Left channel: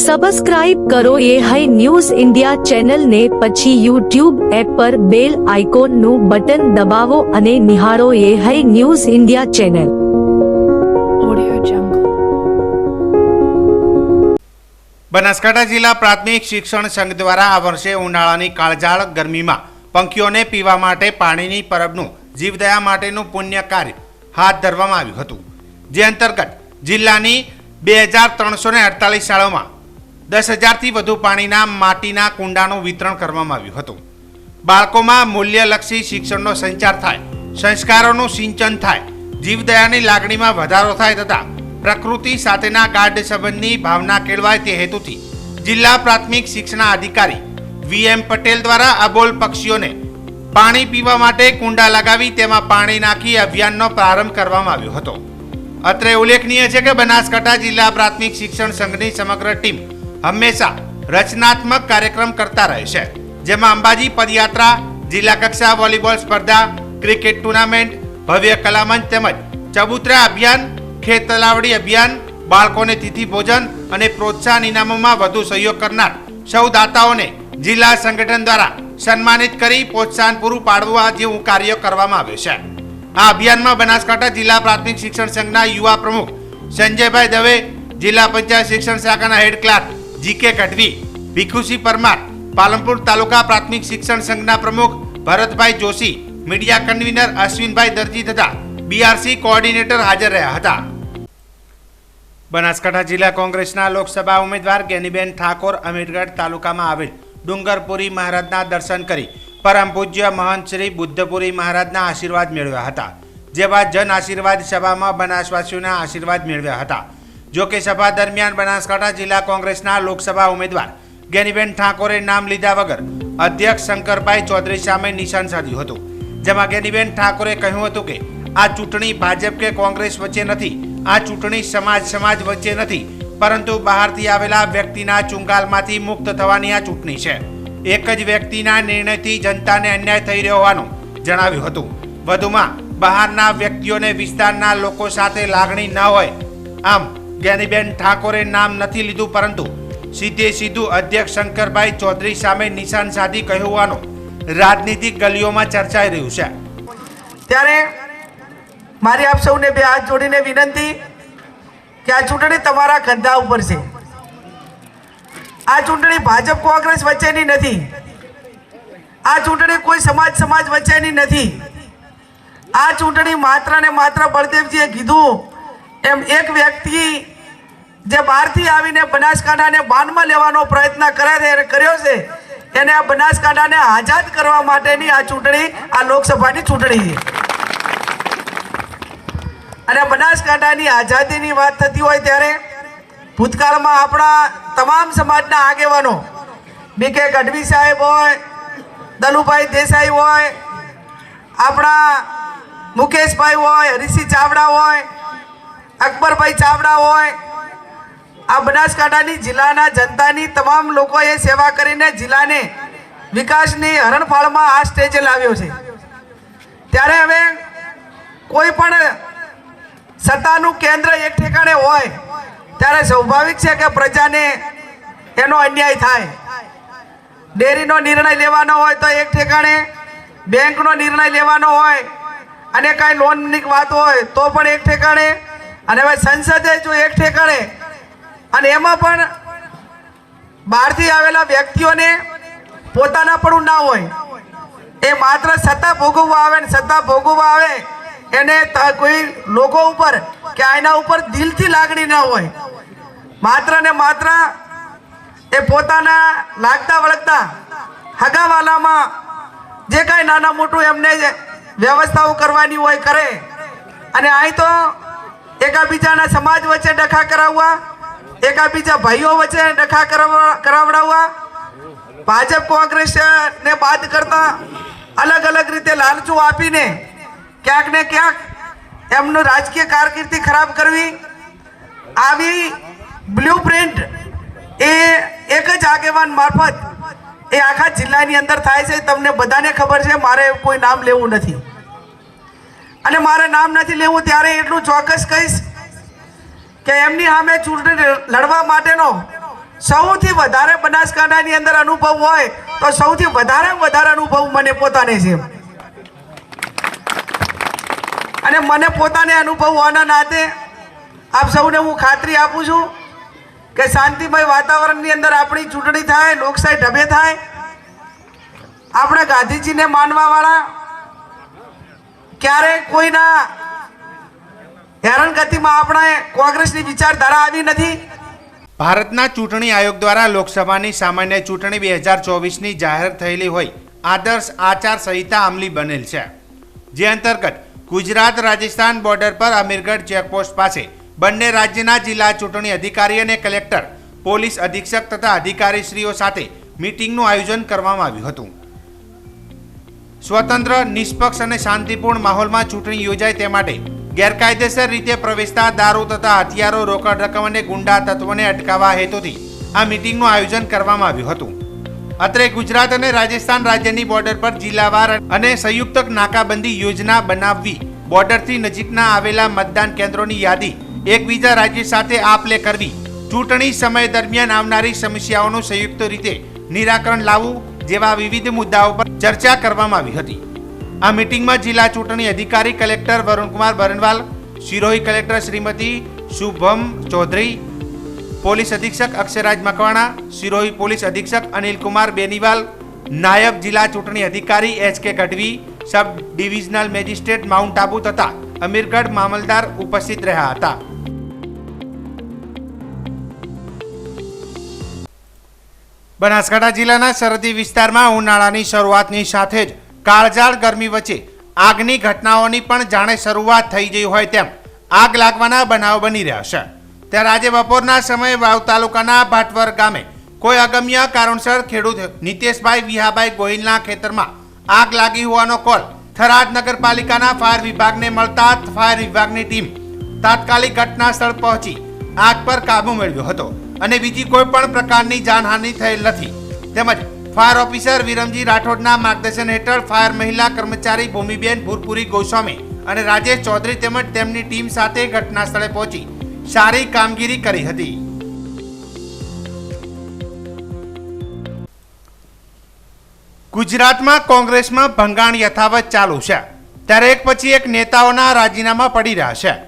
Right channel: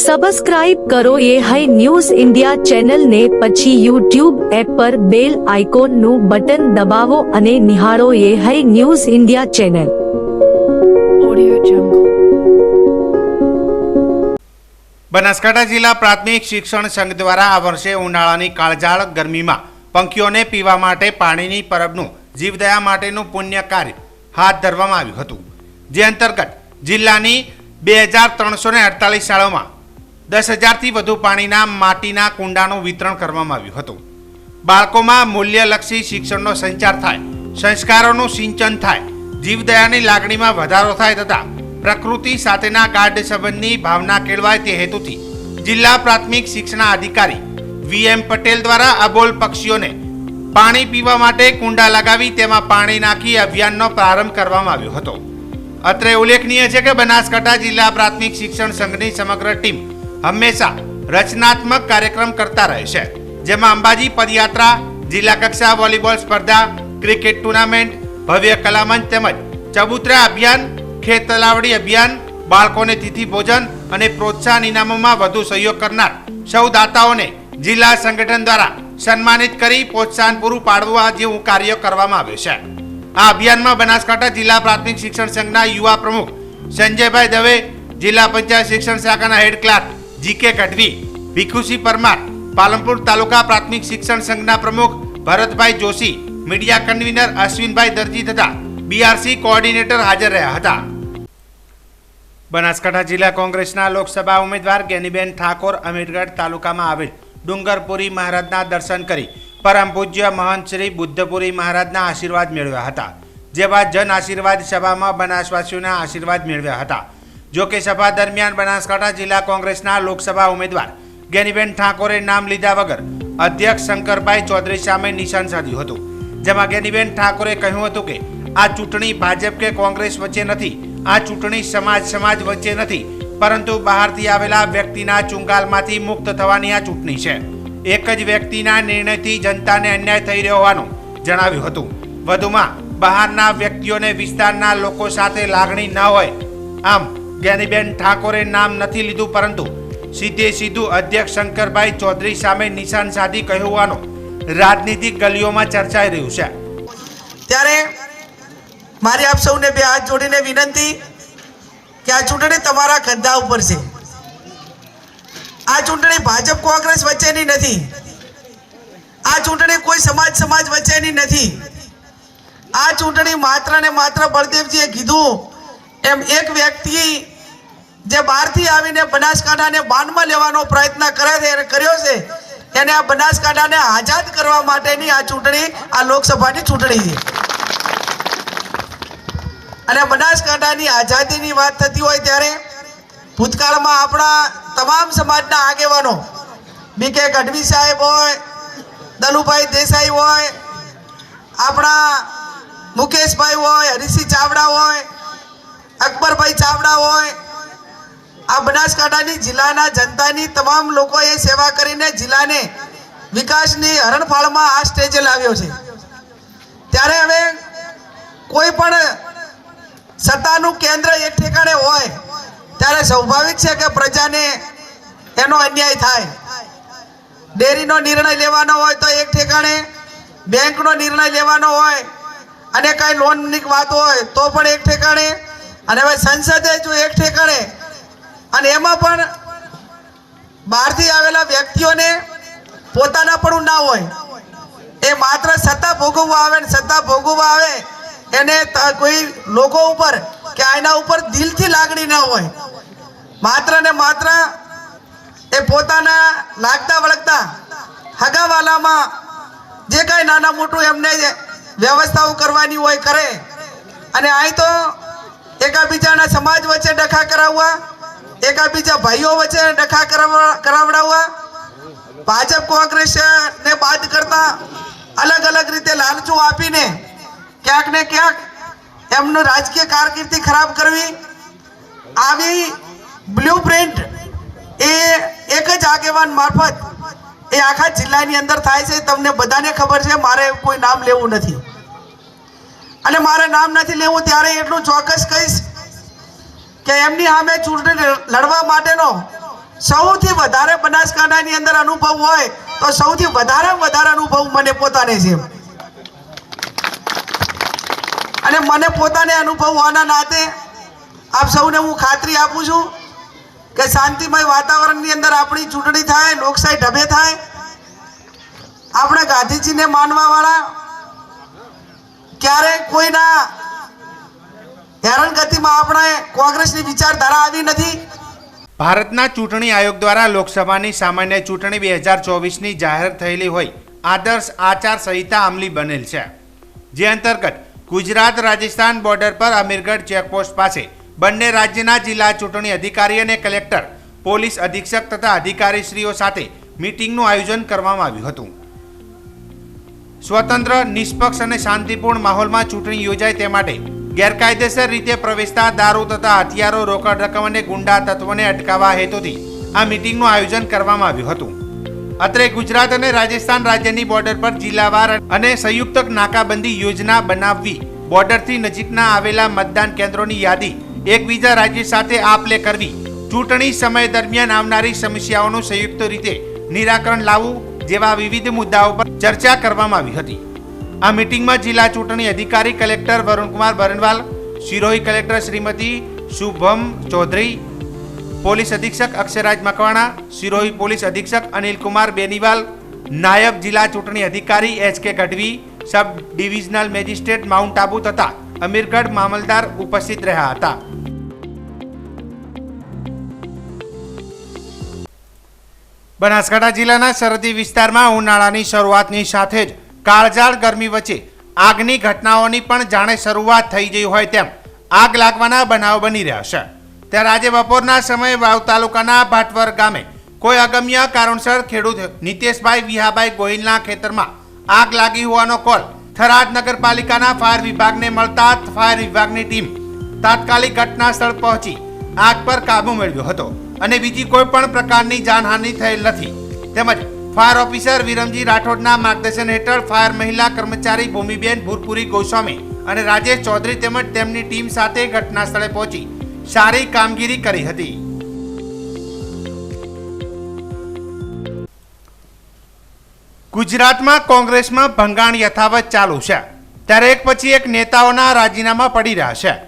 Subscribe કરો એ high news India ચેનલને પછી યુટ્યુબ એપ પર બેલ આઇકોનનું બટન દબાવો અને નિહાળો એ high news India channel Banaskantha જિલ્લા પ્રાથમિક શિક્ષણ સંઘ દ્વારા આ વર્ષે ઉનાળાની કાળઝાળ ગરમીમાં પંખીઓને પીવા માટે પાણીની પરબનું જીવદયા માટેનું પુણ્ય કાર્ય હાથ ધરવામાં આવ્યું હતું. જે અંતર્ગત જિલ્લાની બે હજાર ત્રણસો ને અડતાલીસ શાળાઓમાં દસ હજારથી વધુ પાણીના માટીના કુંડાનું વિતરણ કરવામાં આવ્યું હતું. બાળકોમાં મૂલ્યલક્ષી શિક્ષણનો સંચાર થાય, સંસ્કારોનું સિંચન થાય, જીવદયાની લાગણીમાં વધારો થાય તથા પ્રકૃતિ સાથેના ગાઢ સંબંધની ભાવના કેળવાય તે હેતુથી જિલ્લા પ્રાથમિક શિક્ષણ અધિકારી વી એમ પટેલ દ્વારા અબોલ પક્ષીઓને પાણી પીવા માટે કુંડા લગાવી તેમાં પાણી નાખી અભિયાનનો પ્રારંભ કરવામાં આવ્યો હતો. અત્રે ઉલ્લેખનીય છે કે બનાસકાંઠા જિલ્લા પ્રાથમિક શિક્ષણ સંઘની સમગ્ર ટીમ હંમેશા રચનાત્મક કાર્યક્રમ કરતા રહે છે. જેમાં અંબાજી પદયાત્રા, જિલ્લા કક્ષા વોલીબોલ સ્પર્ધા, ક્રિકેટ ટુર્નામેન્ટ, ભવ્ય કલામંચ તેમજ ચબુતરા અભિયાન ખેત તલાવડી અભિયાન, બાળકોને તિથિ ભોજન અને પ્રોત્સાહન ઇનામોમાં વધુ સહયોગ કરનાર સૌ દાતાઓને જિલ્લા સંગઠન દ્વારા સન્માનિત કરી પ્રોત્સાહન પૂરું પાડવા જેવું કાર્ય કરવામાં આવ્યું છે. આ અભિયાનમાં બનાસકાંઠા જિલ્લા પ્રાથમિક શિક્ષણ સંઘના યુવા પ્રમુખ સંજયભાઈ દવે, જિલ્લા પંચાયત શિક્ષણ શાખાના head clerk GK Gadhvi Bhikhusinh Parmar, Palanpur taluka પ્રાથમિક શિક્ષણ સંઘના પ્રમુખ ભરતભાઈ જોશી, મીડિયા કન્વીનર અશ્વિનભાઈ દરજી તથા બીઆરસી કોઓર્ડિનેટર હાજર રહ્યા હતા. બનાસકાંઠા જિલ્લા કોંગ્રેસના લોકસભા ઉમેદવાર ગેનીબેન ઠાકોર અમીરગઢ તાલુકામાં આવેલ ડુંગરપુરી મહારાજના દર્શન કરી પરમ પૂજ્ય મહંત શ્રી બુદ્ધપુરી મહારાજના આશીર્વાદ મેળવ્યા હતા. જે બાદ જન આશીર્વાદ સભામાં બનાસવાસીઓના આશીર્વાદ મેળવ્યા હતા. જો કે સભા દરમિયાન બનાસકાંઠા જિલ્લા કોંગ્રેસના લોકસભા ઉમેદવાર ગેનીબેન ઠાકોરે નામ લીધા વગર અધ્યક્ષ શંકરભાઈ ચૌધરી સામે નિશાન સાધ્યું હતું. જેમાં ગેનીબેન ઠાકોરે કહ્યું હતું કે, આ ચૂંટણી ભાજપ કે કોંગ્રેસ વચ્ચે નથી, આ ચૂંટણી સમાજ સમાજ વચ્ચે નથી, પરંતુ બહારથી આવેલા વ્યક્તિના ચુંગાલમાંથી મુક્ત થવાની આ ચૂંટણી છે. એક જ વ્યક્તિના નિર્ણયથી જનતાને અન્યાય થઈ રહ્યો હોવાનું જણાવ્યું હતું. વધુમાં બહારના વ્યક્તિઓને વિસ્તારના લોકો સાથે લાગણી ન હોય, આમ જ્ઞાનીબેન ઠાકોરે નામ નથી લીધું, પરંતુ સીધે સીધું અધ્યક્ષ શંકરભાઈ ચૌધરી સામે નિશાન સાધી કહ્યું હોવાનો રાજનીતિક ગલીઓમાં ચર્ચાઈ રહ્યું છે. ત્યારે મારી આપ સૌને બે હાથ જોડીને વિનંતી કે આ ચૂંટણી તમારા કંધા ઉપર છે. આ ચૂંટણી ભાજપ કોંગ્રેસ વચ્ચેની નથી. આ ચૂંટણી કોઈ સમાજ સમાજ વચ્ચેની નથી. આ ચૂંટણી માત્ર ને માત્ર બળદેવજીએ કીધું એમ એક વ્યક્તિ જે બહારથી આવીને બનાસકાંઠાને બાનમાં લેવાનો પ્રયત્ન કરે કર્યો છે એને આ બનાસકાંઠાને આઝાદ કરવા માટેની આ ચૂંટણી, આ લોકસભાની ચૂંટણી છે. અને બનાસકાંઠાની આઝાદીની વાત થતી હોય ત્યારે ભૂતકાળમાં આપણા તમામ સમાજના આગેવાનો, બી કે ગઢવી સાહેબ હોય, દલુભાઈ દેસાઈ હોય, આપણા મુકેશભાઈ હોય હરીસિંહ ચાવડા હોય, અકબરભાઈ ચાવડા હોય આ બનાસકાંઠાની જિલ્લાના જનતાની તમામ લોકોએ સેવા કરીને જિલ્લાને વિકાસની હરણફાળમાં આ સ્ટેજે લાવ્યો છે. ત્યારે હવે કોઈ પણ સત્તાનું કેન્દ્ર એક ઠેકાણે હોય, ત્યારે સ્વાભાવિક છે કે પ્રજાને એનો અન્યાય થાય. ડેરીનો નિર્ણય લેવાનો હોય તો એક ઠેકાણે, બેંકનો નિર્ણય લેવાનો હોય, અને કાંઈ લોનની વાત હોય તો પણ એક ઠેકાણે, અને હવે સંસદે જો એક ઠેકાણે અને એમાં પણ બહારથી આવેલા વ્યક્તિઓને પોતાના પણ ના હોય. એ માત્ર સત્તા ભોગવવા આવે ને સત્તા ભોગવવા આવે, એને કોઈ લોકો ઉપર કે આના ઉપર દિલથી લાગણી ના હોય. માત્ર ને માત્ર એ પોતાના લાગતા વળગતા હગાવાલામાં જે કાંઈ નાના મોટું એમને વ્યવસ્થાઓ કરવાની હોય કરે. અને અહીં તો એકાબીજાના સમાજ વચ્ચે ડખા કરાવવા એકાબીજા ભાઈઓ વચ્ચે ડખા કરાવડાવવા ભાજપ કોંગ્રેસ ને બાદ કરતા અલગ અલગ રીતે લાલચો આપીને ક્યાંક ને ક્યાંક એમનું રાજકીય કારકિર્દી ખરાબ કરવી. આવી બ્લુ પ્રિન્ટ એ એક જ આગેવાન મારફત એ આખા જિલ્લાની અંદર થાય છે. તમને બધાને ખબર છે, મારે કોઈ નામ લેવું નથી. અને મારે નામ નથી લેવું, ત્યારે એટલું ચોક્કસ કહીશ કે એમની સામે ચૂંટણી લડવા માટેનો સૌથી વધારે બનાસકાંઠાની અંદર અનુભવ હોય તો સૌથી વધારે વધારે અનુભવ મને પોતાને છે. અને મને પોતાને અનુભવ હોવાના નાતે આપ સૌને હું ખાતરી આપું છું કે શાંતિમય વાતાવરણની અંદર આપણી ચૂંટણી થાય, લોકશાહી ઢબે થાય. આપણે ગાંધીજીને માનવાવાળા ક્યારેય કોઈના હેરાનગતિમાં આપણે કોંગ્રેસની વિચારધારા આવી નથી. ભારતના ચૂંટણી આયોગ દ્વારા લોકસભાની સામાન્ય ચૂંટણી બે હજાર ચોવીસની જાહેર થયેલી હોય, આદર્શ આચાર સંહિતા અમલી બનેલ છે. જે અંતર્ગત ગુજરાત રાજસ્થાન બોર્ડર પર અમીરગઢ ચેકપોસ્ટ પાસે બંને રાજ્યના જિલ્લા ચૂંટણી અધિકારી અને કલેક્ટર, પોલીસ અધિક્ષક તથા અધિકારીશ્રીઓ સાથે મીટિંગનું આયોજન કરવામાં આવ્યું હતું. સ્વતંત્ર, નિષ્પક્ષ અને શાંતિપૂર્ણ માહોલમાં ચૂંટણી યોજાય તે માટે ગેરકાયદેસર રીતે પ્રવેશતા દારૂ તથા હથિયારો રોકડ રકમ અને ગુંડા તત્વોને અટકાવવા હેતુથી આ મીટિંગનું આયોજન કરવામાં આવ્યું હતું. અત્રે ગુજરાત અને રાજસ્થાન રાજ્યની બોર્ડર પર જિલ્લાવાર અને સંયુક્ત નાકાબંધી યોજના બનાવવી બોર્ડરથી નજીકના આવેલા મતદાન કેન્દ્રોની યાદી એકબીજા રાજ્ય સાથે આપલે કરવી, ચૂંટણી સમય દરમિયાન આવનારી સમસ્યાઓનું સંયુક્ત રીતે નિરાકરણ લાવવું જેવા વિવિધ મુદ્દાઓ પર ચર્ચા કરવામાં આવી હતી. આ મીટિંગમાં જિલ્લા ચૂંટણી અધિકારી collector Varunkumar Barnwal Sirohi collector Shrimati Shubham Chaudhary, police અધિક્ષક અક્ષયરાજ મકવાણા સિરોહી પોલીસ અધિક્ષક અનિલકુમાર બેનીવાલ, નાયબ જિલ્લા ચૂંટણી અધિકારી H K Gadhvi, sub divisional magistrate Mount Abu તથા અમીરગઢ મામલદાર ઉપસ્થિત રહ્યા હતા. બનાસકાંઠા જિલ્લાના સરહદી વિસ્તારમાં ઉનાળાની શરૂઆતની સાથે જ કાળઝાળ ગરમી વચ્ચે આગની ઘટનાઓની પણ જાણે શરૂઆત થઈ ગઈ હોય તેમ આગ લાગવાના બનાવ બની રહ્યા છે. ત્યારે આજે બપોરના સમયે વાવ તાલુકાના ભાટવર ગામે કોઈ અગમ્ય કારણસર ખેડૂત નિતેશભાઈ વિહાભાઈ ગોહિલના ખેતરમાં આગ લાગી હોવાનો કોલ થરાદ નગરપાલિકાના ફાયર વિભાગને મળતા ફાયર વિભાગની ટીમ તાત્કાલિક ઘટના સ્થળ પહોંચી આગ પર કાબુ મેળવ્યો હતો. અને બીજી કોઈ પણ પ્રકારની જાનહાનિ થયેલ નથી. તેમજ ફાયર ઓફિસર વિરમજી રાઠોડના માર્ગદર્શન હેઠળ ફાયર મહિલા કર્મચારી ભૂમિબેન ભૂરપુરી ગોસ્વામી અને રાજેશ ચૌધરી તેમજ તેમની ટીમ સાથે ઘટના સ્થળે પહોંચી. સારી કામગીરી કરી હતી. ગુજરાતમાં કોંગ્રેસમાં ભંગાણ યથાવત ચાલુ છે. ત્યારે એક પછી એક નેતાઓના રાજીનામા પડી રહ્યા છે.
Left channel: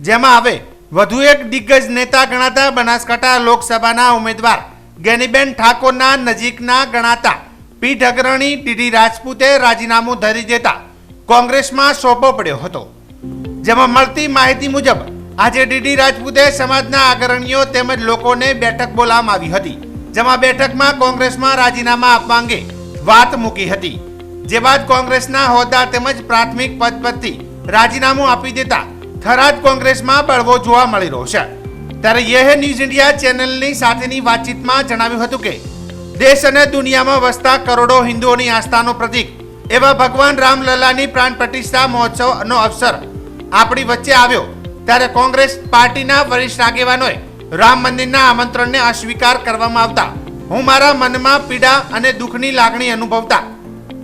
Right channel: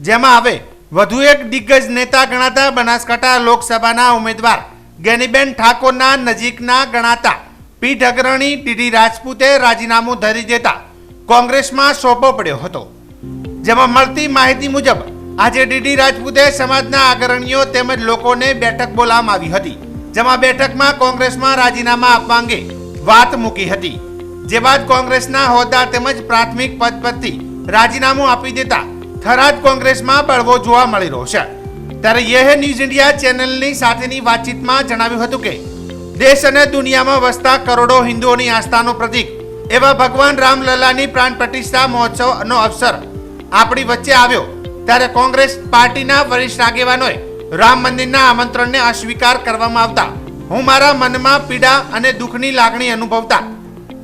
જેમાં હવે વધુ એક દિગ્ગજ નેતા ગણાતા બનાસકાંઠા લોકસભાના ઉમેદવાર ગેનીબેન ઠાકોરના નજીકના ગણાતા પીઠ અગ્રણી ડીડી રાજપૂતે રાજીનામું ધરી દેતા કોંગ્રેસમાં સોંપો પડ્યો હતો. જેમાં મળતી માહિતી મુજબ, આજે ડીડી રાજપૂતે સમાજના અગ્રણીઓ તેમજ લોકોને બેઠક બોલાવવામાં આવી હતી, જેમાં બેઠકમાં કોંગ્રેસમાં રાજીનામા આપવા અંગે વાત મૂકી હતી. જે બાદ કોંગ્રેસના હોદ્દા તેમજ પ્રાથમિક પદ પરથી રાજીનામું આપી દેતા થરાદ કોંગ્રેસમાં બળવો જોવા મળી રહ્યો છે. ત્યારે યેહ ન્યૂઝ ઇન્ડિયા ચેનલની સાથેની વાતચીતમાં જણાવ્યું હતું કે, દેશ અને દુનિયામાં વસતા કરોડો હિન્દુઓની આસ્થાનું પ્રતીક, એવા ભગવાન રામલલ્લાની પ્રાણ પ્રતિષ્ઠા મહોત્સવનો અવસર આપણી વચ્ચે આવ્યો. ત્યારે કોંગ્રેસ પાર્ટીના વરિષ્ઠ આગેવાનોએ રામ મંદિરના આમંત્રણને અસ્વીકાર કરવામાં આવતા. હું મારા મનમાં પીડા અને દુઃખની લાગણી અનુભવતા.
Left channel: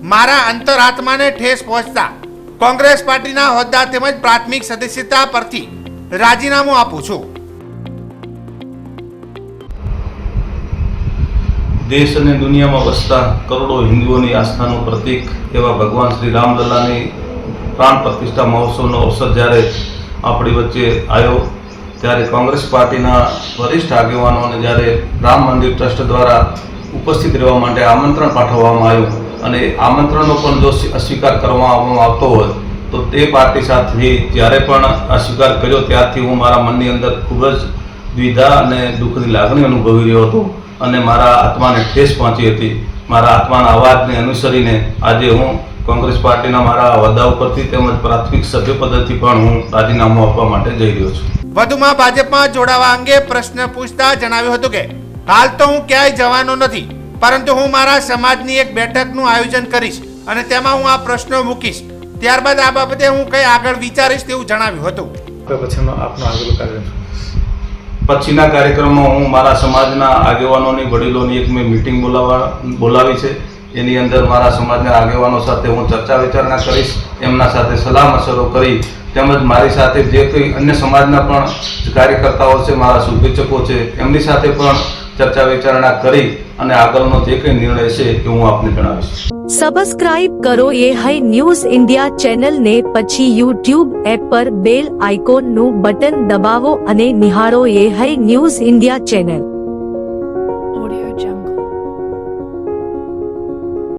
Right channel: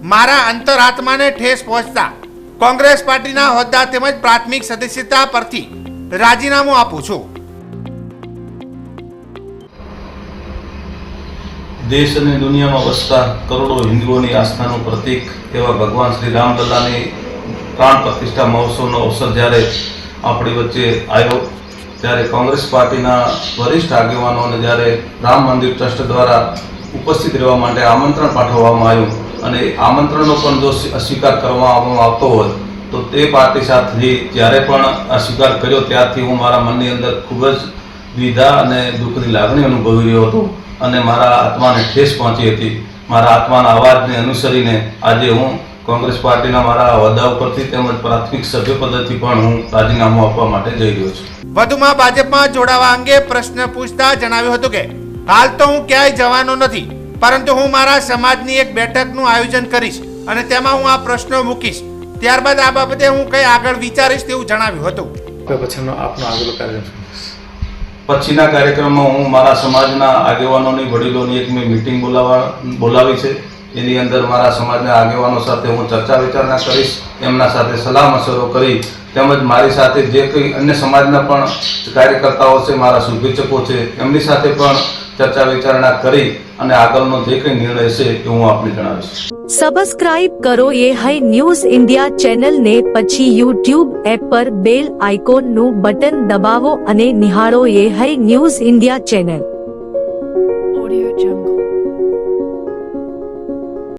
મારા અંતરાત્માને ઠેસ પહોંચતા. કોંગ્રેસ પાર્ટીના હોદ્દા તેમજ પ્રાથમિક સદસ્યતા પરથી રાજીનામું આપું છું. દેશ અને દુનિયામાં વસતા કરોડો હિન્દુઓની આસ્થાનું પ્રતીક એવા ભગવાન શ્રી રામલલ્લાની પ્રાણ પ્રતિષ્ઠા મહોત્સવનો અવસર જ્યારે આપણી વચ્ચે આવ્યો, ત્યારે કોંગ્રેસ પાર્ટીના વરિષ્ઠ આગેવાનોને જ્યારે રામ મંદિર ટ્રસ્ટ દ્વારા ઉપસ્થિત રહેવા માટે આમંત્રણ પાઠવવામાં આવ્યું અને આમંત્રણનો પણ જો અસ્વીકાર કરવામાં આવતો હોય, તો તે પાર્ટી સાથે જ્યારે પણ અસ્વીકાર કર્યો, ત્યારથી હું મારા મનની અંદર ખૂબ જ દ્વિધા અને દુઃખની લાગણી અનુભવી રહ્યો હતો. અને મારા આત્માને ઠેસ પહોંચી હતી. મારા આત્માના અવાજને અનુસરીને આજે હું કોંગ્રેસ પાર્ટીના મારા હોદ્દા ઉપરથી તેમજ પ્રાથમિક સભ્ય પદેથી પણ હું રાજીનામું આપવા માટે જઈ રહ્યો છું. વધુમાં ભાજપમાં જોડાવા અંગે પ્રશ્ન પૂછતા જણાવ્યું હતું કે હાલ તો હું ક્યાંય જવાનો નથી પરંતુ હું મારા સમાજની એક બેઠકનું આયોજન કરીશ અને તેમાં હું આ પ્રશ્નો મૂકીશ. ત્યારબાદ આ બાબતે હું કંઈ આગળ વિચારીશ તેવું જણાવ્યું હતું. પછી આપનો આગળ કાર્યક્રમ પછીના કાર્યક્રમમાં હું મારા સમાજના આગેવાનોની, વડીલોની એક મેં મિટિંગ બોલાવવા બોલાવી છે. એની અંદર મારા સમાજના આગેવાનો સાથે હું ચર્ચા વિચારણા કરીશ, એમના સાથે સલાહ મશરો કરી, તેમજ મારી સાથે જે કંઈ અન્ય સમાજના પણ કાર્યકર્તાઓ છે, મારા શુભેચ્છકો છે, એમની સાથે પણ ચર્ચા વિચારણા કરી અને આગળનો જે કંઈ નિર્ણય છે એ હું આપને જણાવીશ સબસ્ક્રાઇબ કરો એ હૈ ન્યૂઝ ઇન્ડિયા ચેનલ ને પછી યુટ્યુબ એપ પર બેલ આઇકોનનું બટન દબાવો અને નિહાળો એ high news India channel audio Jungle.